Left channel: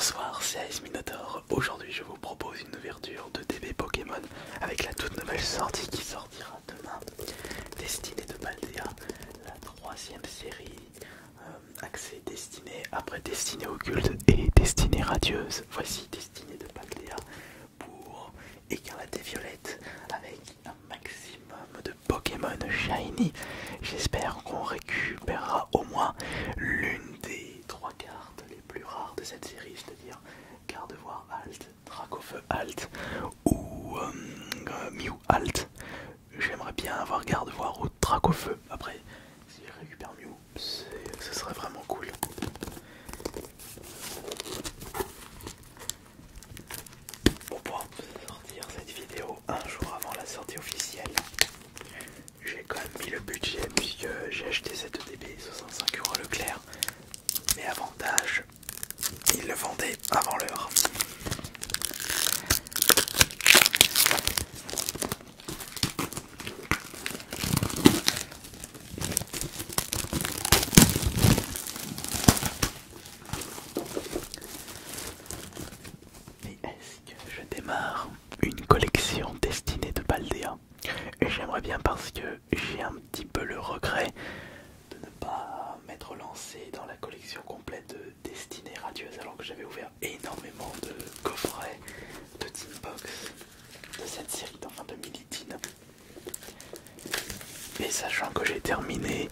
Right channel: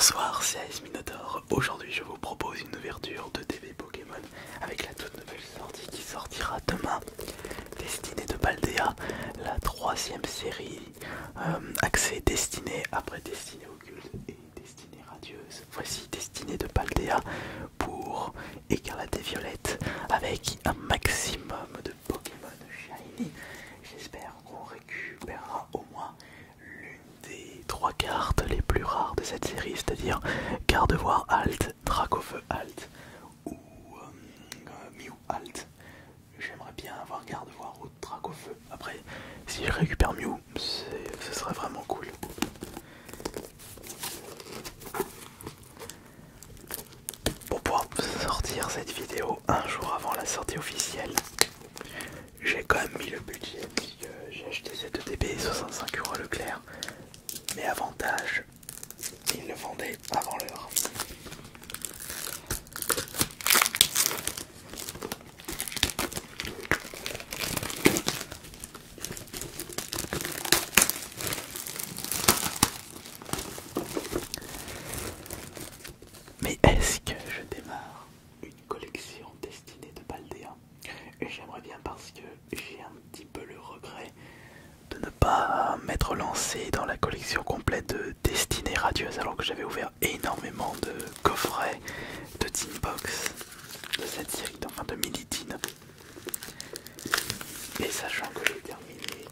Bonsoir, c'est Ice Minotaur. Aujourd'hui, je vous propose une ouverture de TV Pokémon avec la toute nouvelle sortie qui sortira demain. Destinée de Paldea, la troisième série axée Destinée après Destinée Occulte et Destinée Radieuse. Voici Destinée de Paldea pour Écarlate et Violette avec un maximum de Pokémon Shiny. J'espère qu'on récupérera au moins l'une des trois cartes les plus rares de cette série, c'est-à-dire Gardevoir Alt, Dracofeu Alt ou Mew Alt. J'aimerais bien avoir Gardevoir ou Dracofeu. Après, si je récupère Mew, ce serait vraiment cool. Pour pouvoir sortir cette vidéo un jour avant la sortie officielle, j'ai quand même mis le budget puisque j'ai acheté cette DB 65€ à Leclerc. Mais avantage, ils le vendaient avant l'heure. Mais est-ce que je démarre une collection destinée de Paldea? J'aimerais bien parce que j'ai un petit peu le regret de ne pas m'être lancé dans la collection complète de Destinée Radieuse alors que j'avais ouvert énormément de coffrets de Team Box de cette série, enfin de Militine. Et sachant que j'ai terminé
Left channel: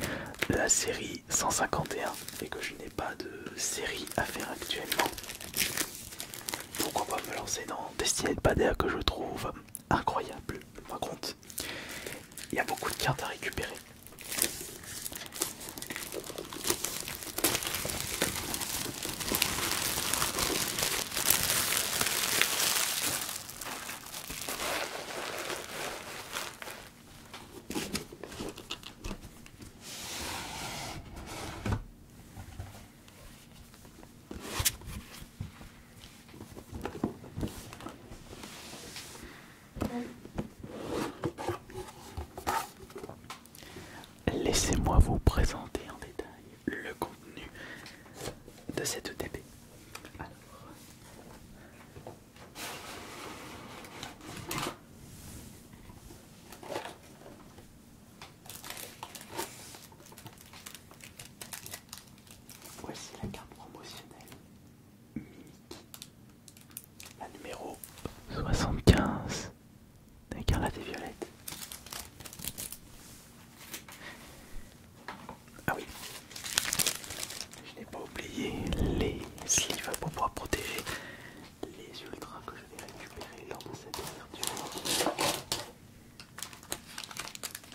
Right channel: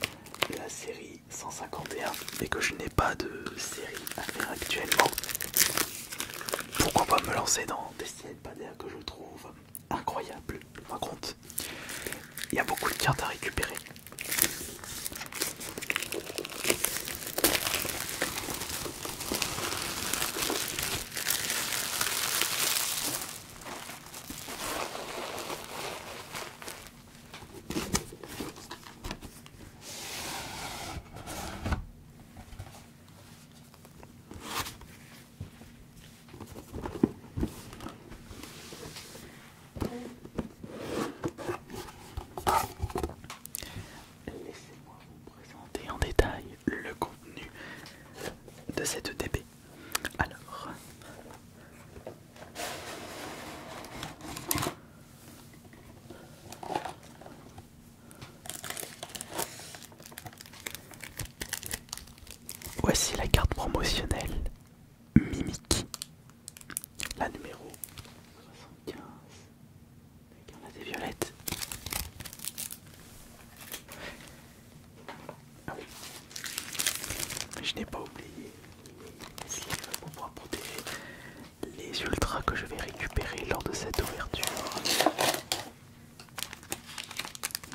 la série 151 et que je n'ai pas de série à faire actuellement, pourquoi pas me lancer dans Destinée de Paldea que je trouve incroyable. Par contre, il y a beaucoup de cartes à récupérer. Laissez-moi vous présenter en détail le contenu de cette DB. Alors, voici la carte promotionnelle Mimikyu, la numéro 75 d'Écarlate et Violette. Ah oui, je n'ai pas oublié les sleeves pour pouvoir protéger les ultras que je vais récupérer lors de cette ouverture.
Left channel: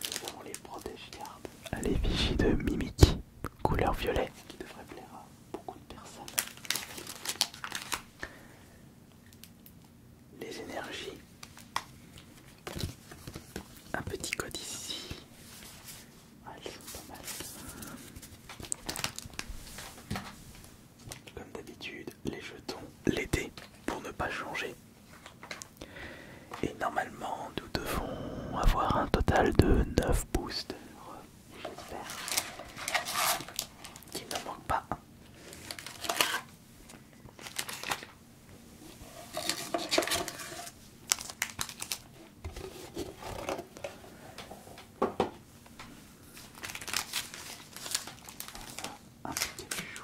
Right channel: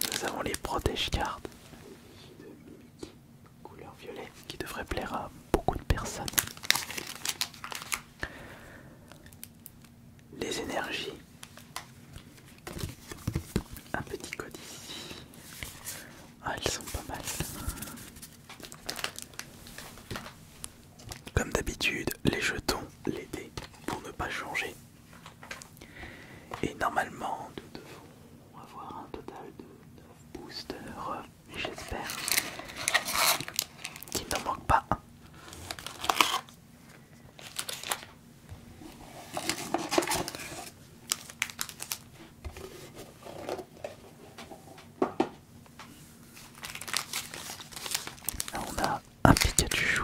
Nous avons les protège cartes à l'effigie de Mimikyu, couleur violet, qui devrait plaire à beaucoup de personnes. Les énergies, un petit code ici. Ah, elles sont pas mal. Comme d'habitude, les jetons, les dés pour ne pas changer. Et normalement, nous devons avoir un total de 9 boosters, j'espère. Qu'il n'en manque pas un. Là, on a un Pikachu.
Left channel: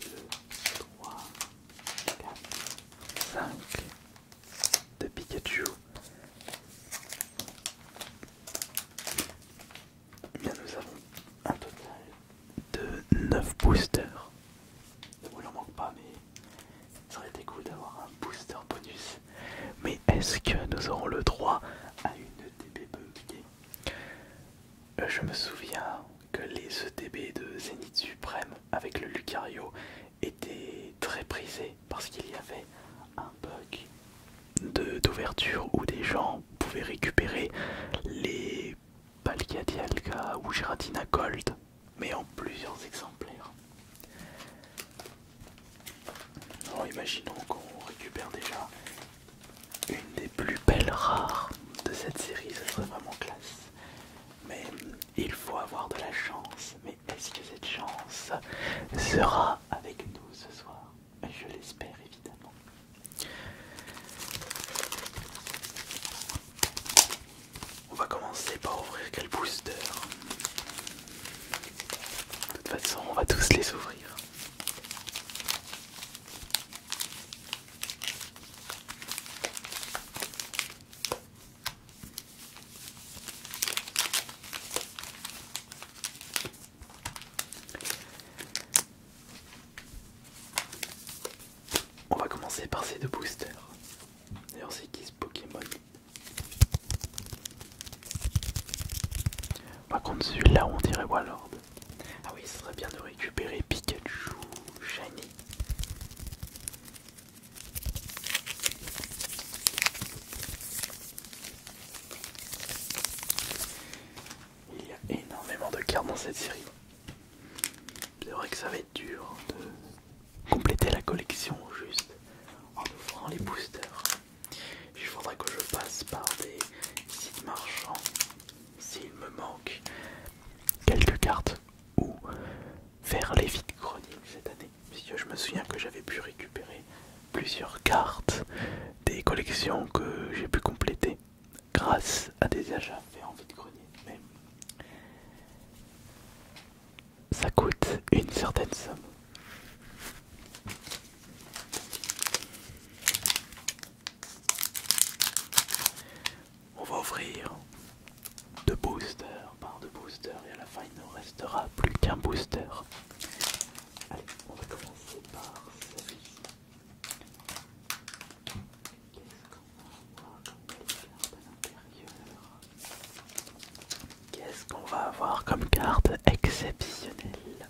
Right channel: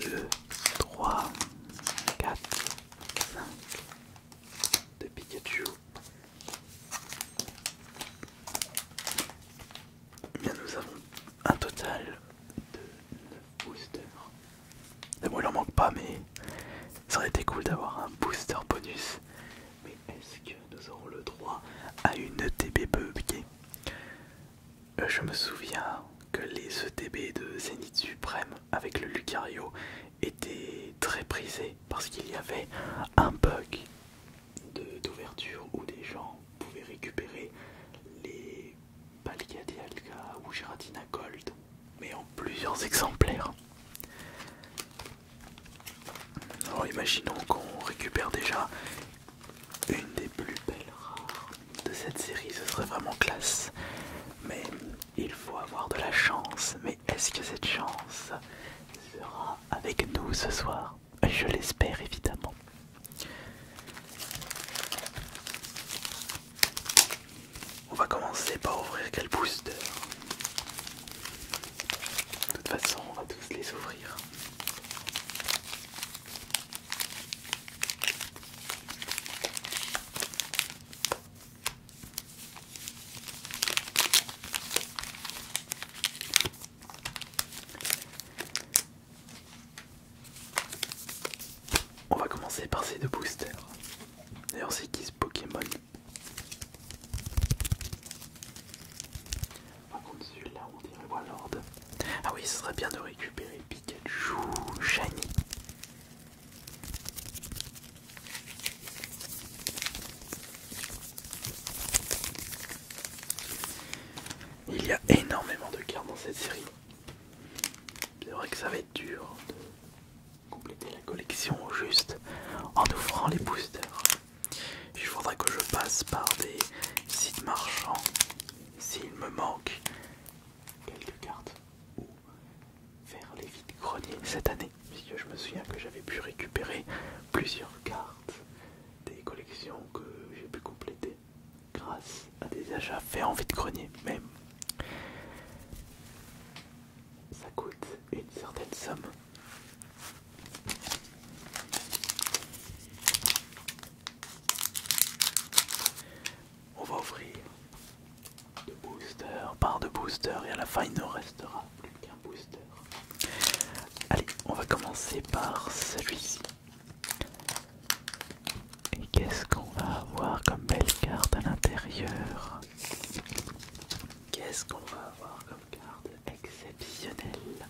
2, 3, 4, 5 de Pikachu. Eh bien, nous avons un total de 9 boosters. Et bon, il en manque pas, mais ça aurait été cool d'avoir un booster bonus. Mais est-ce que nous aurons le droit à une ETB buggée? Je me souviens que les ETB de Zénith Suprême avec le Lucario étaient très prisés parce qu'il y avait un bug d'ouverture où des gens pouvaient récupérer les Palkia ou Giratina Gold, mais en plusieurs exemplaires. Alors imaginons qu'on récupère déjà une des plus belles rares de cette série, ce serait vraiment classe. Mais il faut avoir de la chance. Mais est-ce que cette chance sera avec nous ce soir. Je l'espère évidemment. On va commencer par ouvrir quel booster. De toute façon, on va tous les ouvrir. On va commencer par ces deux boosters. D'ailleurs, c'est qui ce Pokémon? Par contre, celui-là, on dirait Warlord. Ah oui, ce serait bien de récupérer Pikachu Shiny. Il y a énormément de cartes dans cette série. C'est vrai que ça va être dur de compléter la collection juste en ouvrant les boosters. Il faudrait que je passe par des sites marchands s'il me manque quelques cartes ou faire les vides-greniers cette année. Puisque je me souviens que j'avais pu récupérer plusieurs cartes des collections que j'ai pu compléter grâce à des achats faits en vide-grenier. Mais ça coûte une certaine somme. On va ouvrir deux boosters par deux boosters et à la fin il ne restera plus qu'un booster. Allez, on va commencer par celui-ci. Et qu'est-ce qu'on va avoir comme belle carte à l'intérieur? Qu'est-ce qu'on va avoir comme carte exceptionnelle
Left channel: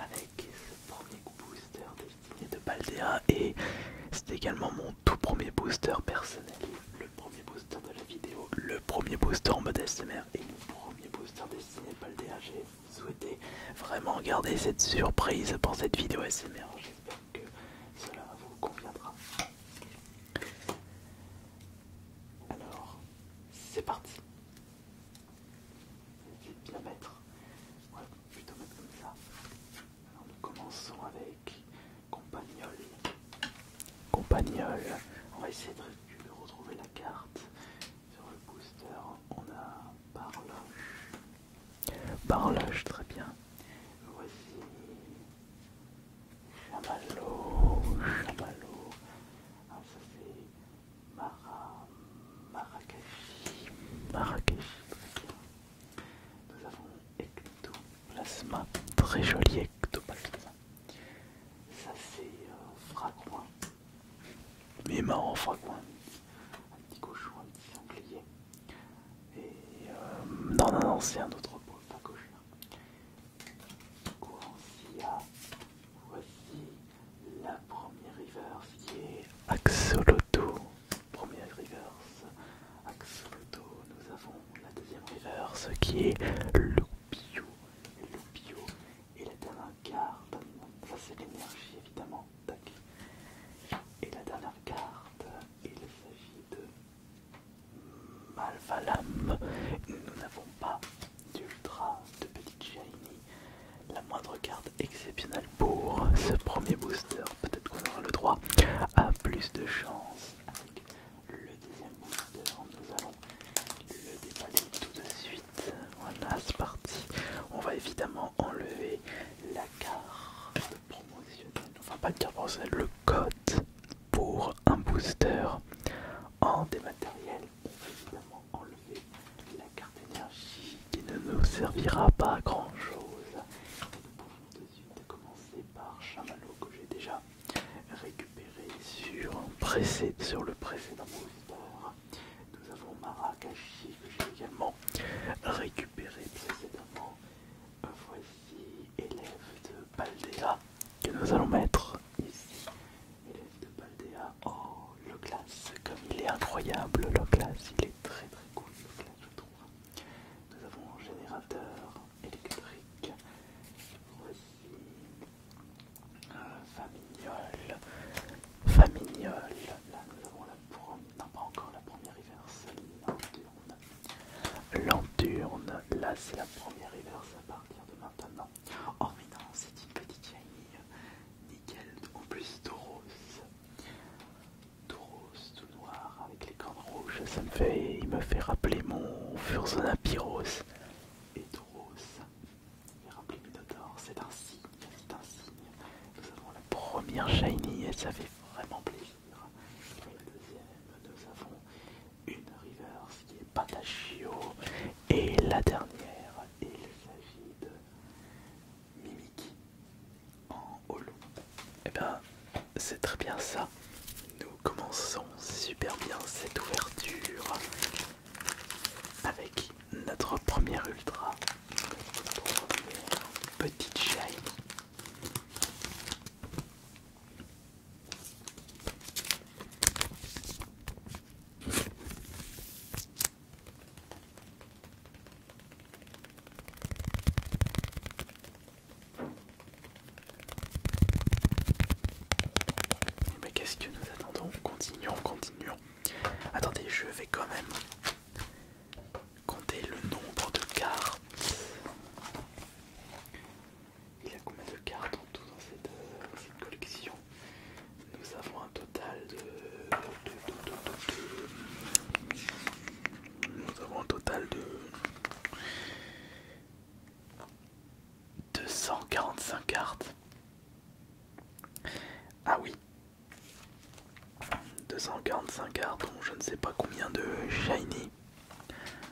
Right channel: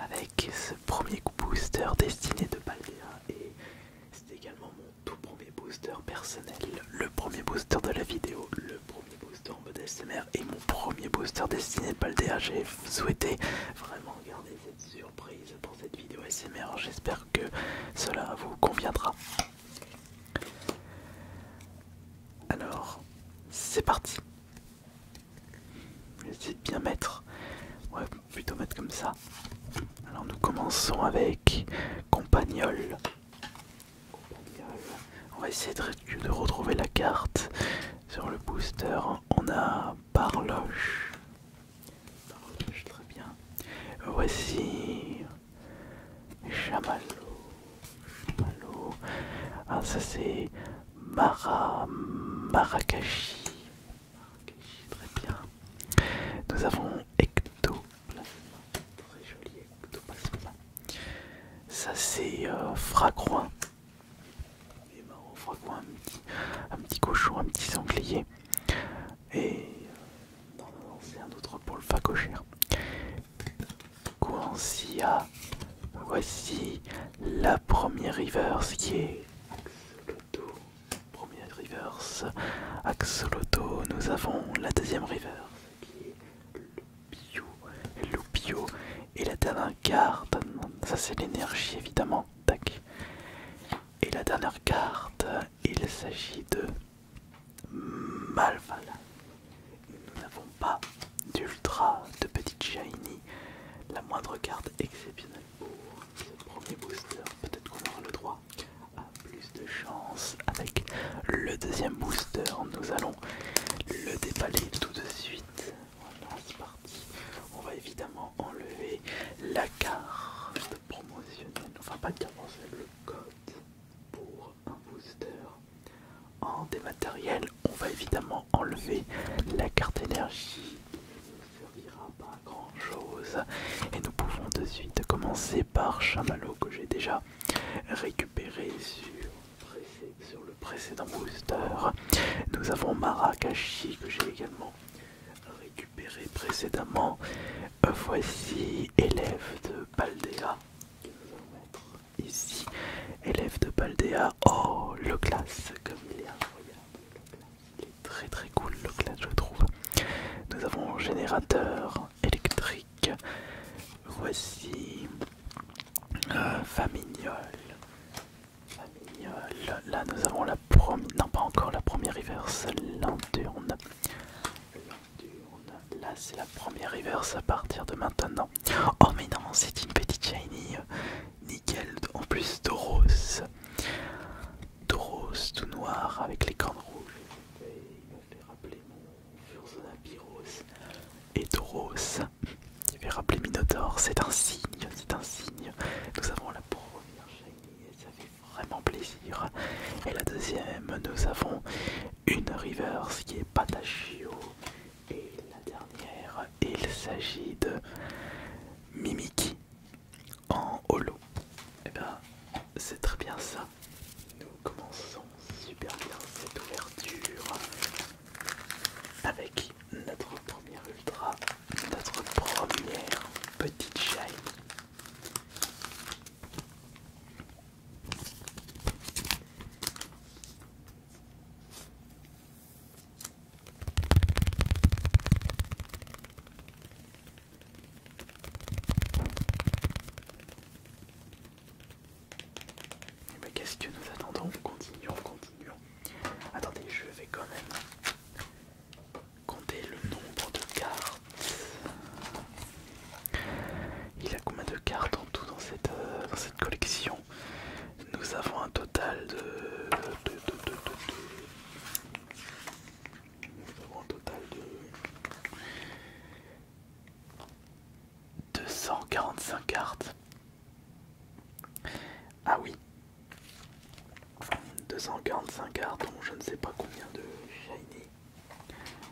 avec ce premier booster destiné de Paldea, et c'est également mon tout premier booster personnel, le premier booster de la vidéo, le premier booster en mode SMR et mon premier booster destiné de Paldea. J'ai souhaité vraiment garder cette surprise pour cette vidéo SMR, j'espère que cela vous conviendra. Alors, c'est parti. J'essaie de bien mettre, ouais, plutôt mettre comme ça. Alors nous commençons avec Compagnol. Compagnol. On va essayer de retrouver la carte. Sur le booster, on a Barloche. Barloche, très bien. Voici Chamallow. Chamallow. Ah, ça c'est Marakashi. Marakashi, très bien. Nous avons Ectoplasma. Très joli Ectoplasma. Ça c'est Fragouin. Mais marrant, Fragouin, un petit cochon, un petit sanglier. Et non, c'est un autre pour le facochère. Coencia. Voici la première reverse qui est Axolotl. Première reverse Axolotl. Nous avons la deuxième reverse qui est Lupio. Et la dernière carte, ça c'est l'énergie évidemment. Tac. Et la dernière carte, il s'agit de Malvalam. Nous n'avons pas d'ultra, de petite shiny. La moindre carte exceptionnelle pour ce premier booster. Peut-être qu'on aura le droit à plus de chance avec le deuxième booster. Nous allons le déballer tout de suite. Voilà, c'est parti. On va évidemment enlever la carte promotionnelle. Enfin, pas de carte promotionnelle, le code pour un booster en dématériel. On va évidemment enlever la carte énergie qui ne nous servira pas à grand chose, et nous pouvons de suite commencer par Chamallow que j'ai déjà récupéré sur le précédent booster. Nous avons Marakashi que j'ai également récupéré précédemment. Voici élève de Paldea que nous allons mettre ici. Élève de Paldea. Oh, le classe, comme il est incroyable, le classe, il est très très cool, le classe, je trouve. Nous avons générateur électrique. Voici Famignol. Là nous avons la première, non pas encore la première reverse, Lanturne. Là c'est la première reverse à partir de maintenant. Oh mais non, c'est une petite shiny. Nickel. ça fait vraiment plaisir. Et la deuxième, nous avons une reverse qui est Patachio. Et la dernière, il s'agit de Mimiki en holo. Et ben, c'est très bien ça. Nous commençons super bien cette ouverture avec notre première ultra, notre première petite shine. Mais qu'est-ce que nous attendons? Continuons, continuons. Attendez, je vais quand même compter le nombre de cartes. Il y a combien de cartes en tout dans cette collection? Nous avons un total nous avons un total de 245 cartes. Ah oui, 245 cartes, dont je ne sais pas combien de shiny.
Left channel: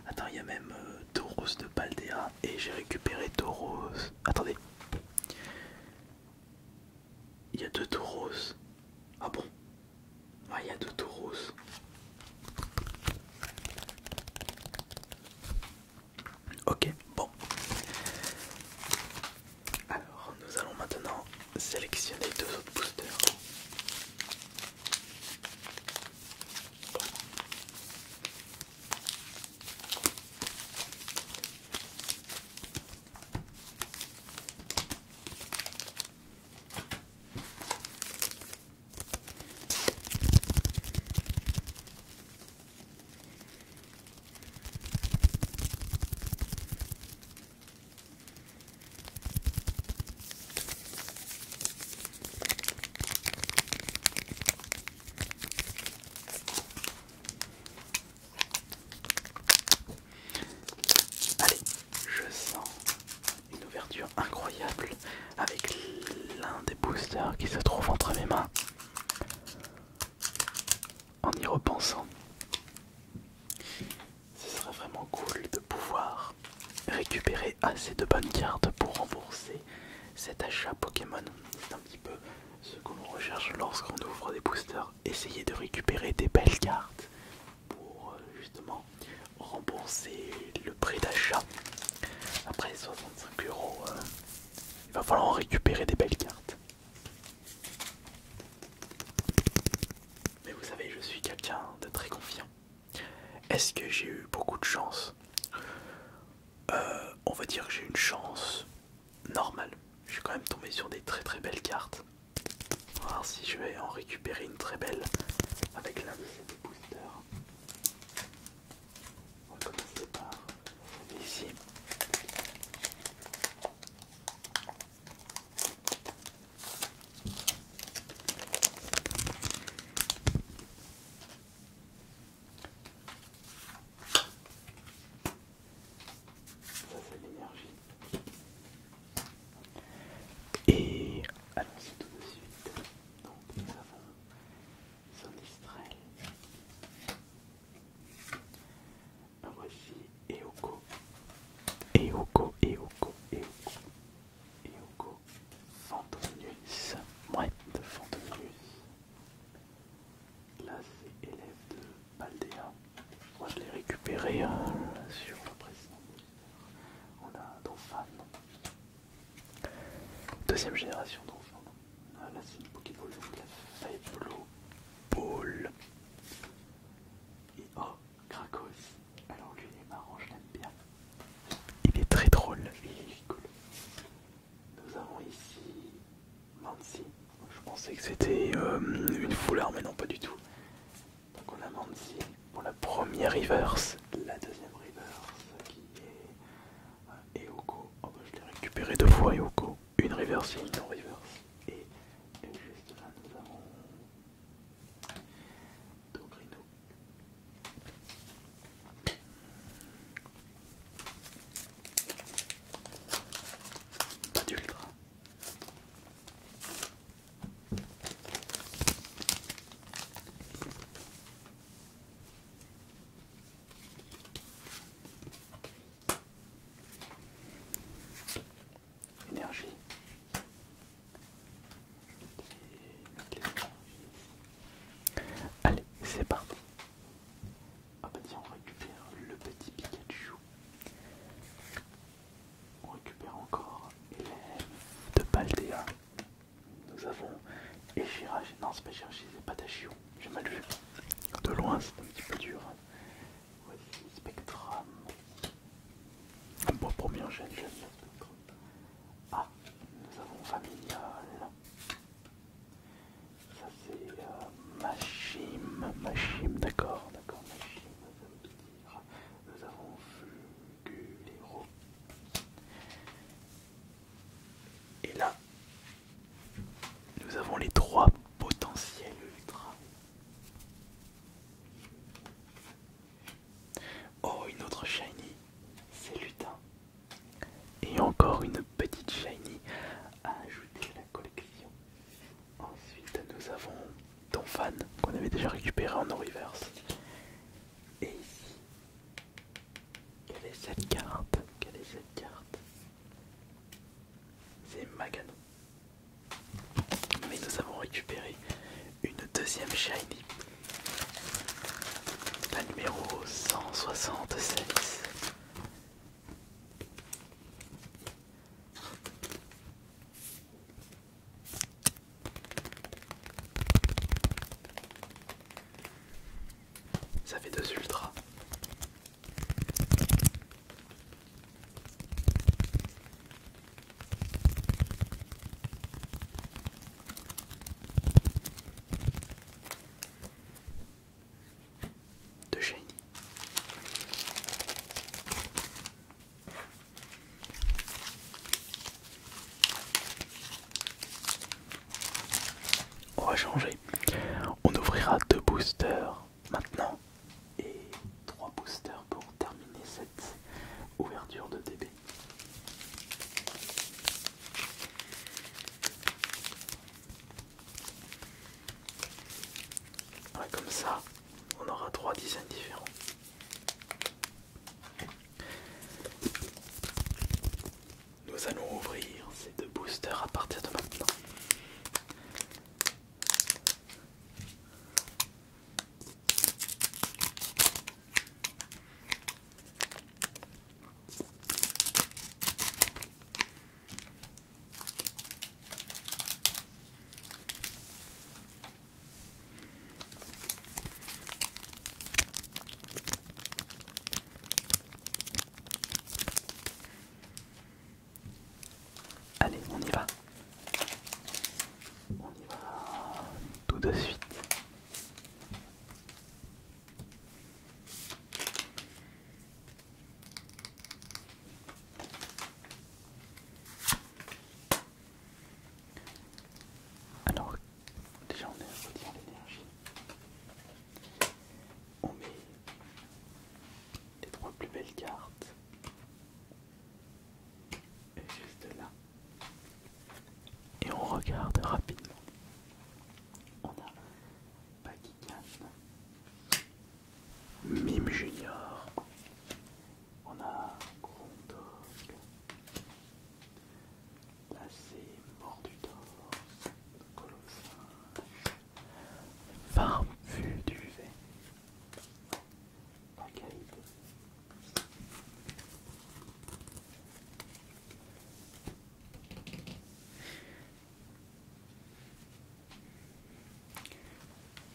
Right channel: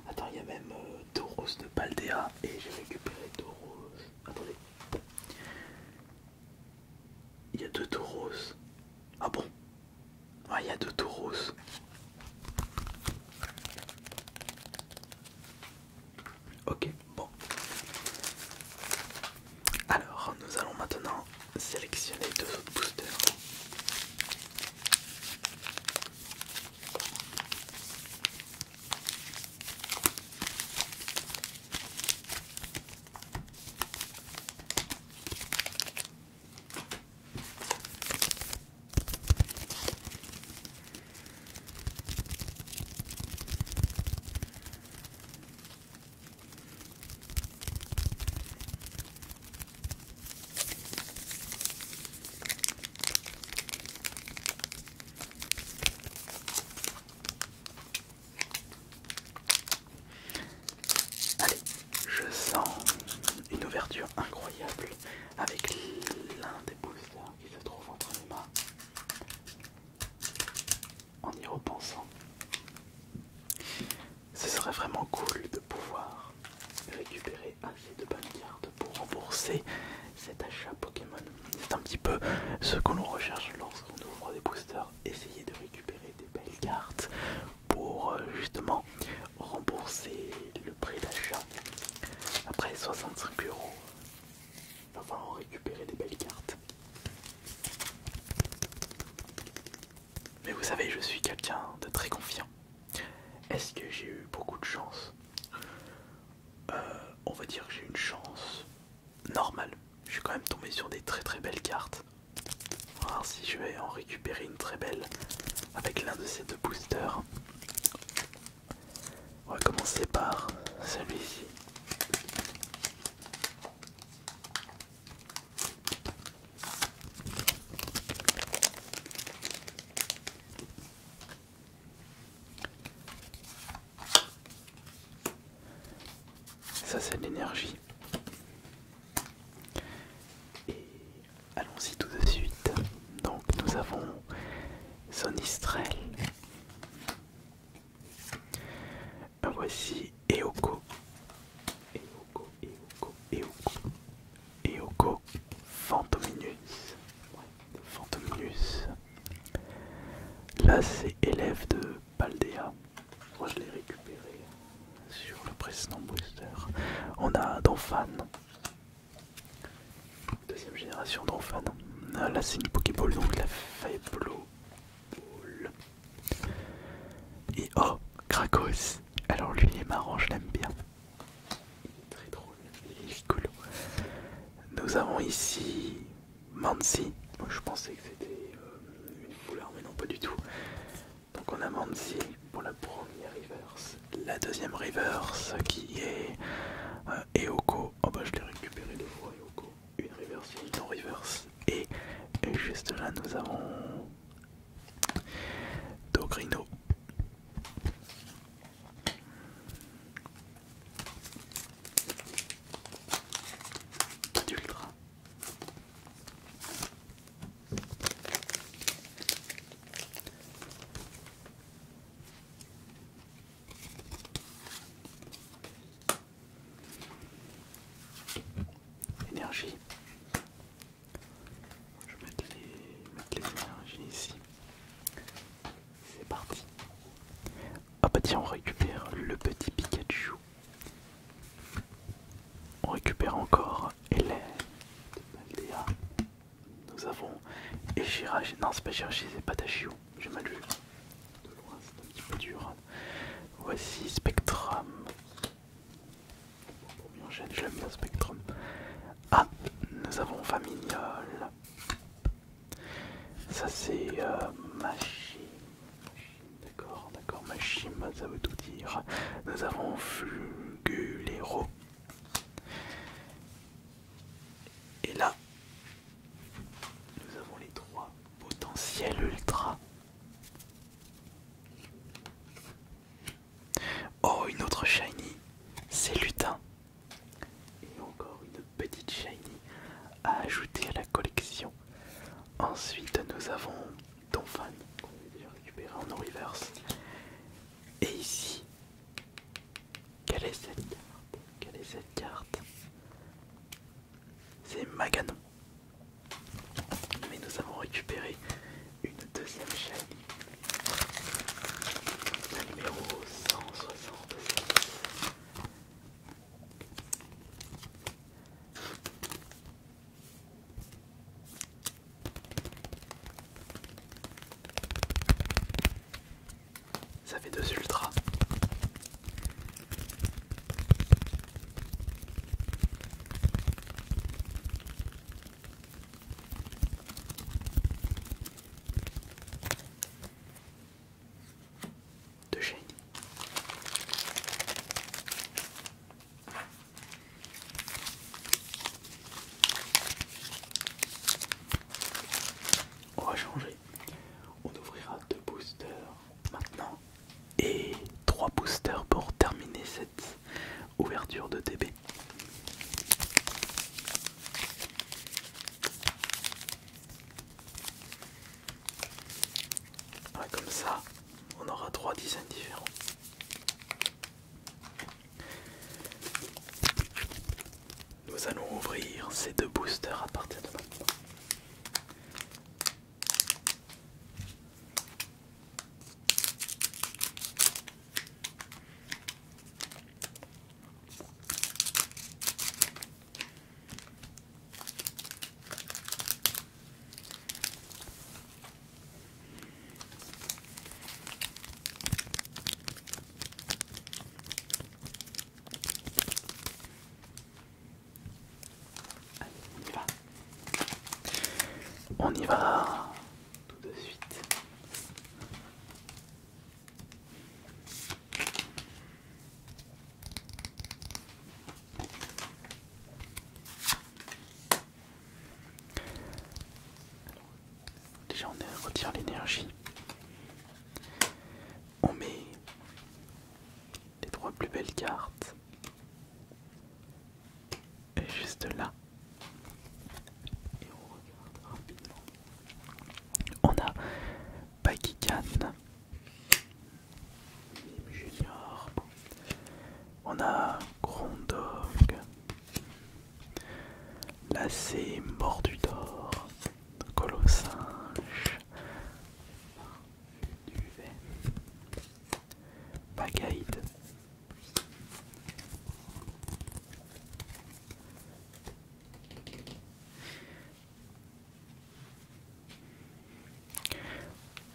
Attends, il y a même Tauros de Paldea et j'ai récupéré Tauros. Attendez. Il y a deux Tauros. Ah bon? Ouais, il y a deux Tauros. Ok, bon. Alors, nous allons maintenant sélectionner deux autres boosters. Allez, je sens une ouverture incroyable avec l'un des boosters qui se trouve entre mes mains. En y repensant, ce serait vraiment cool de pouvoir récupérer assez de bonnes cartes pour rembourser cet achat Pokémon. C'est un petit peu ce que l'on recherche lorsqu'on ouvre des boosters, essayer de récupérer des belles cartes pour justement rembourser le prix d'achat. Après 65 €, il va falloir en récupérer des belles cartes. Mais vous savez, je suis quelqu'un de très confiant. Est-ce que j'ai eu beaucoup de chance? On va dire que j'ai une chance normale. Je suis quand même tombé sur des très très belles cartes. On va voir si je vais en récupérer une très belle avec l'un de ces deux boosters. On va commencer par celui-ci. Ça c'est de l'énergie. Et allons-y tout de suite. Donc nous avons Sonistrel. Voici Eoko. Eoko Phantominus. Ouais, de Phantominus. Là c'est élève de Paldea. Moi je l'ai récupéré sur le précédent booster. On a Donphan. Deuxième génération Donphan. Là c'est une Pokéball, donc la Faible Ball. Et oh, Krakos. Alors lui il est marrant, je l'aime bien. Il est très drôle, il est rigolo. Nous avons ici Mansi. Je pensais que c'était une foulard, mais non pas du tout. Donc on a Mansi pour la première reverse. La deuxième reverse qui est Eoko. Oh bah je l'ai récupéré deux fois Eoko. Une reverse et une non reverse. Et juste là nous avons Dogrino. Pas d'ultra. Et Shirashi, non c'est pas Shirashi, c'est Patachio, j'ai mal vu. De loin c'est un petit peu dur. Voici Spectrum. Bon, pour bien gêne, je l'aime bien Spectrum. Ah, nous avons Famignol. Ça c'est Machim, d'accord, Machim, ça veut tout dire. Nous avons Fugulero. Et là, nous avons les trois potentiels ultra. Oh, une autre shiny, c'est Lutin. Et encore une petite shiny à ajouter à la collection. Ensuite, nous avons Donphan, qu'on avait déjà récupéré en reverse. Et ici, quelle est cette carte? C'est Maganon. Mais nous avons récupéré une deuxième shiny. La numéro 176. Ça fait 2 ultras. De shiny. On va changer. On ouvrira 2 boosters maintenant et 3 boosters pour terminer cette ouverture de TB. Ouais, comme ça, on aura 3 designs différents. Nous allons ouvrir ces 2 boosters à partir de maintenant. Allez, on y va. On y va tout de suite. Alors, déjà on retire l'énergie. On met les 3 plus belles cartes. Et juste là. Et on regarde rapidement. On a Bakikan, Mime Junior, on a Grondog, Lacé Mordudor, Colossinge, Farfu Duvet, Pagaïde,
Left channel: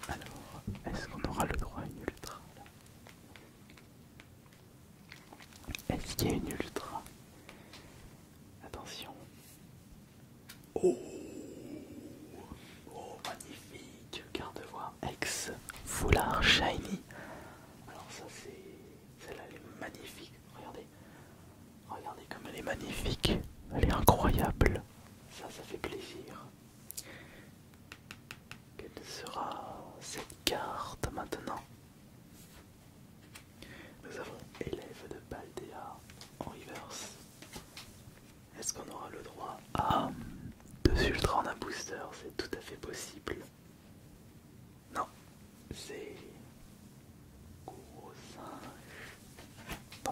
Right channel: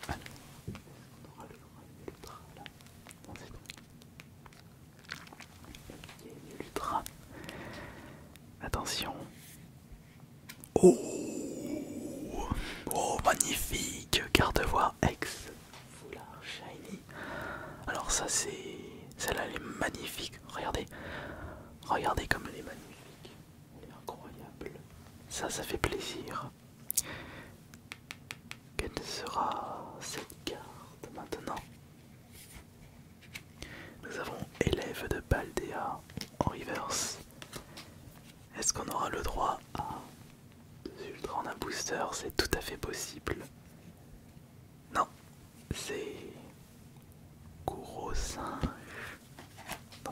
alors, est-ce qu'on aura le droit à une ultra là? Est-ce qu'il y a une ultra? Attention. Oh, oh magnifique, garde-voix ex foulard shiny. Alors ça c'est... Celle-là elle est magnifique, regardez. Regardez comme elle est magnifique. Elle est incroyable. Ça fait plaisir. Quelle sera cette carte maintenant? Nous avons élève de Paldea en reverse. Est-ce qu'on aura le droit à 2 ultras en un booster? C'est tout à fait possible. Non, c'est gros singe. Bon.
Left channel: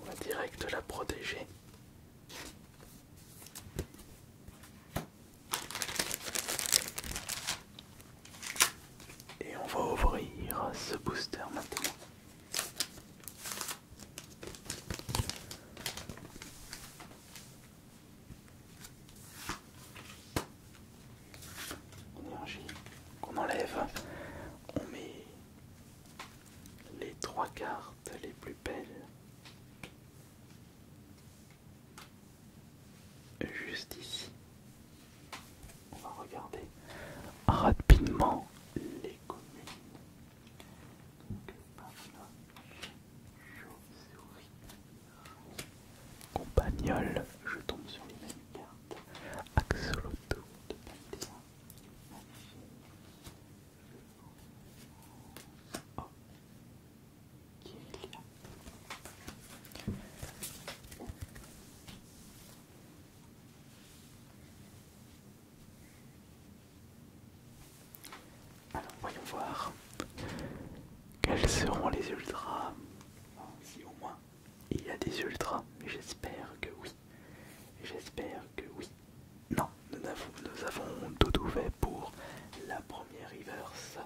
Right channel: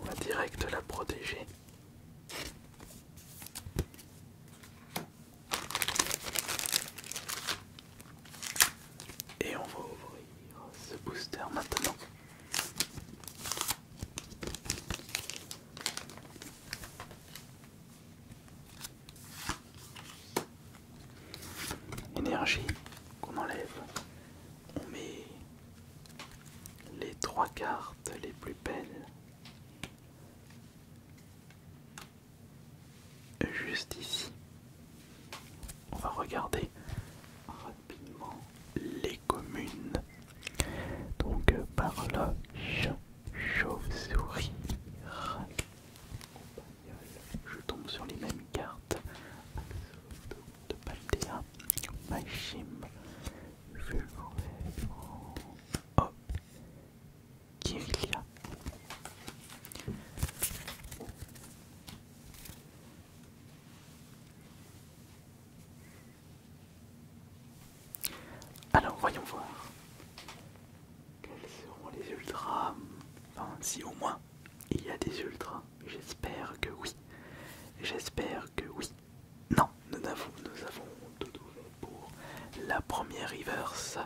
On va direct la protéger. Et on va ouvrir ce booster maintenant. juste ici. On va regarder rapidement les communes. Donc par là, chauve-souris, compagnol, je tombe sur les mêmes cartes. Axolotl de Paldea, Machim, oh, Kirilia. Alors voyons voir quels seront les ultras. Enfin, si au moins il y a des ultras, j'espère que oui. J'espère que oui. Non, nous avons tout fait pour la première reverse.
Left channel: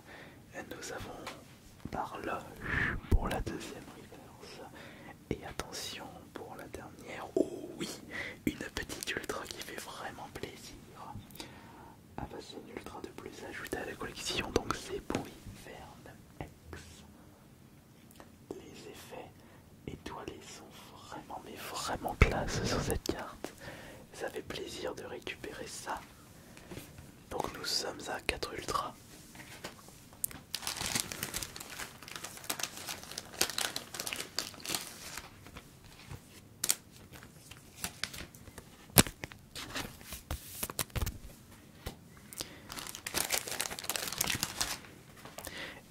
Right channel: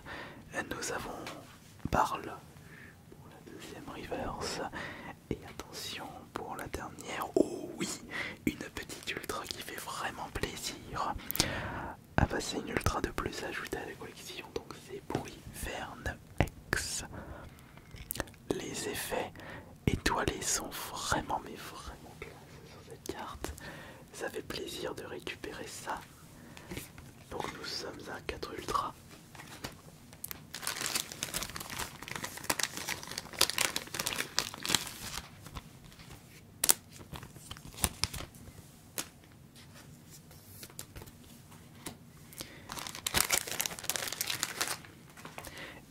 Nous avons Barloche pour la deuxième reverse. Et attention pour la dernière. Oh oui, une petite ultra qui fait vraiment plaisir. Ah bah c'est une ultra de plus ajoutée à la collection, donc c'est Poryvern X. Les effets étoilés sont vraiment mais vraiment classe sur cette carte. Ça fait plaisir de récupérer ça. Donc nous sommes à 4 ultras.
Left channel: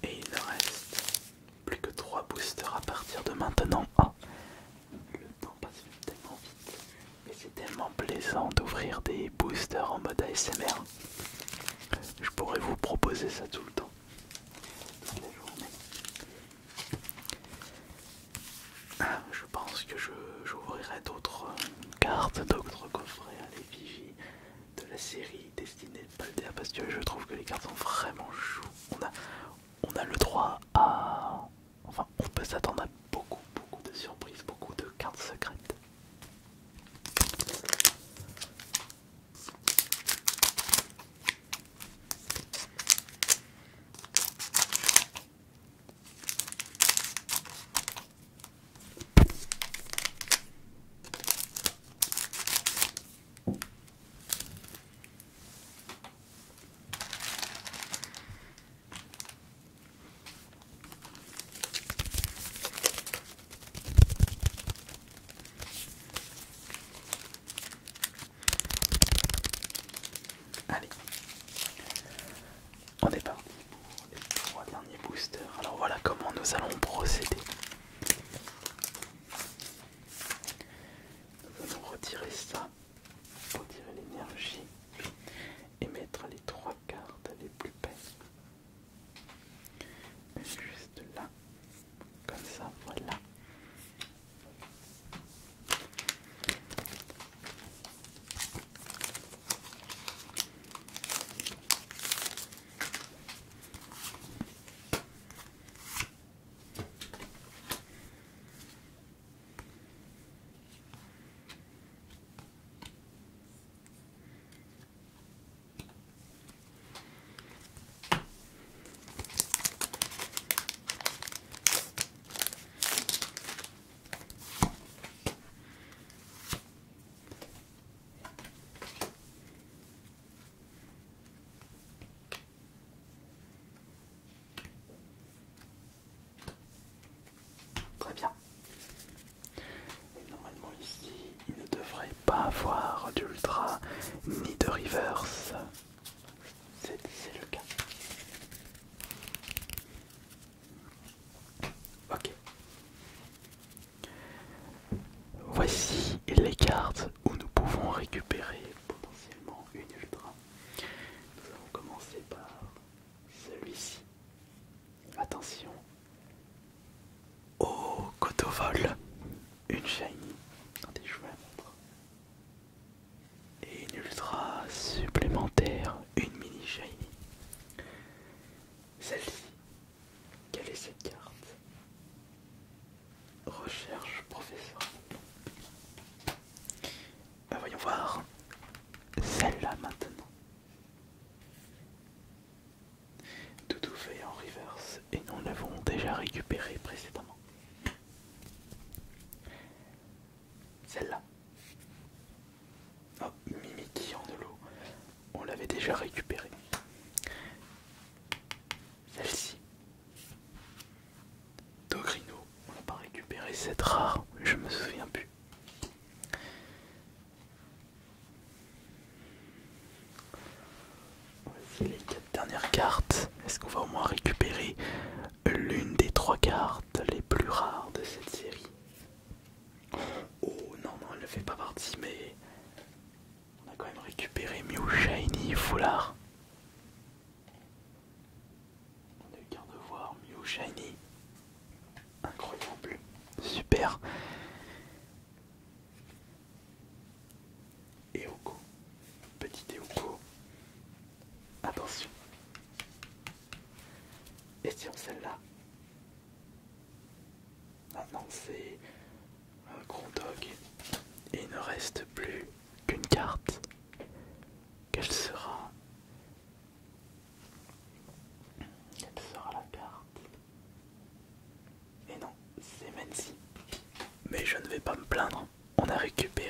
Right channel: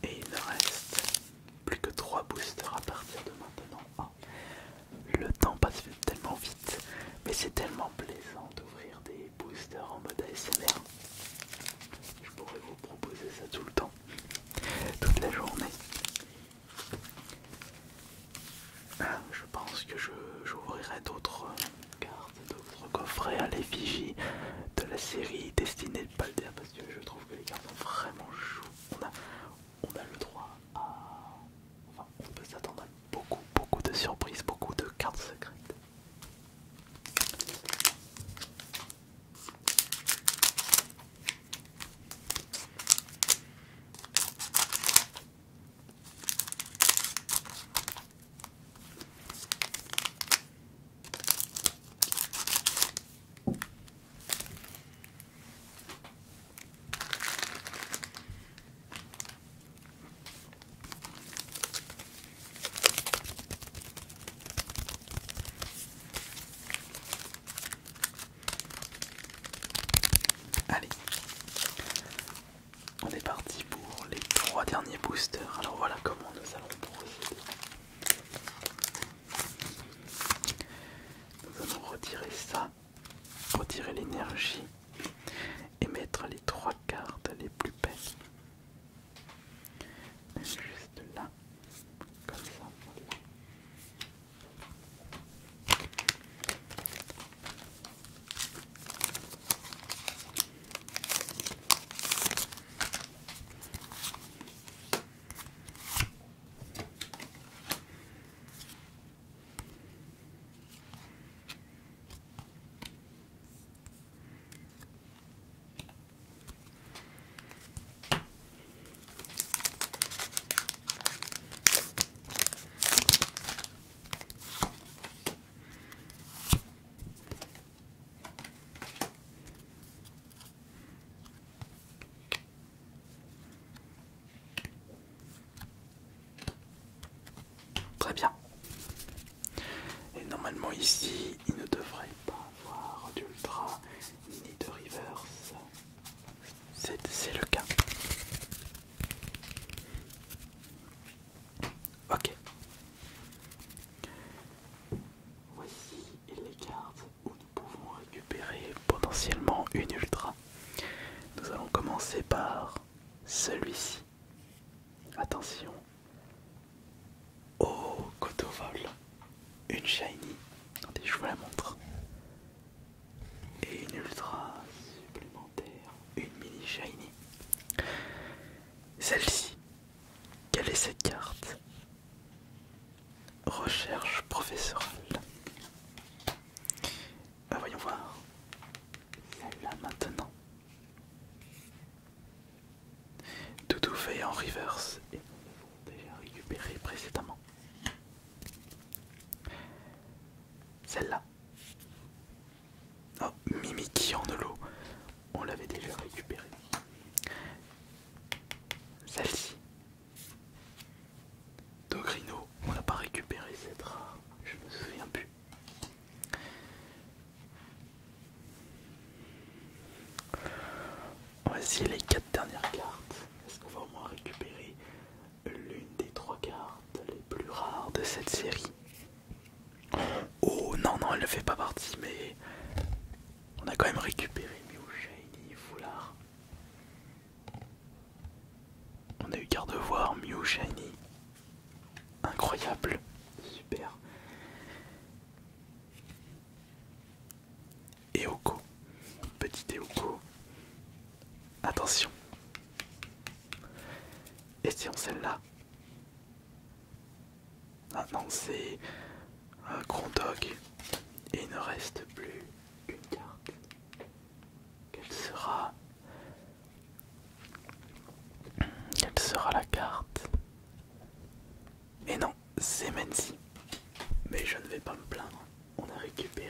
Et il ne reste plus que 3 boosters à partir de maintenant. Ah, le temps passe tellement vite, mais c'est tellement plaisant d'ouvrir des boosters en mode ASMR. Je pourrais vous proposer ça tout le temps, toute la journée. Je pense que j'ouvrirai d'autres cartes, d'autres coffrets à l'effigie de la série Destinée de Paldea parce que je trouve que les cartes sont vraiment choues. On a le droit à... Enfin, on peut s'attendre à beaucoup de surprises, beaucoup de cartes secrètes. Allez, on est parti pour les 3 derniers boosters. Alors voilà comment nous allons procéder. Nous allons retirer ça, retirer l'énergie et mettre les 3 cartes les plus belles. Juste là, comme ça, voilà. Très bien. Et normalement ici, il ne devrait pas avoir d'ultra ni de reverse. C'est le cas. Ok. Voici les cartes où nous pouvons récupérer potentiellement une ultra. Nous allons commencer par celui-ci. Attention. Oh, Cotovol. Une shiny. Attendez, je vous la montre. Et une ultra supplémentaire. Une mini shiny. Celle-ci. Quelle est cette carte? Recherche professorale. Voyons voir. Celle-là maintenant. Tout fait en reverse et nous l'avons déjà récupéré précédemment. Celle-là. Oh, Mimiki en holo. On l'avait déjà récupéré. Celle-ci. Dogrino. On l'a pas récupéré, c'est rare. Je me souviens plus. Voici les 4 dernières cartes. Est-ce qu'on va au moins récupérer l'une des 3 cartes les plus rares de cette série? Oh non, non, elle ne fait pas partie, mais on a quand même récupéré Mew Shiny Foulard. On a eu Gardevoir, Mew Shiny. Incroyable, super. Eoko, petit Eoko. Attention. Essayons celle-là. Ah non, c'est un Grondog. Et il ne reste plus qu'une carte. Quelle sera la carte? Et non, c'est Menzi. Mais je ne vais pas me plaindre. On a récupéré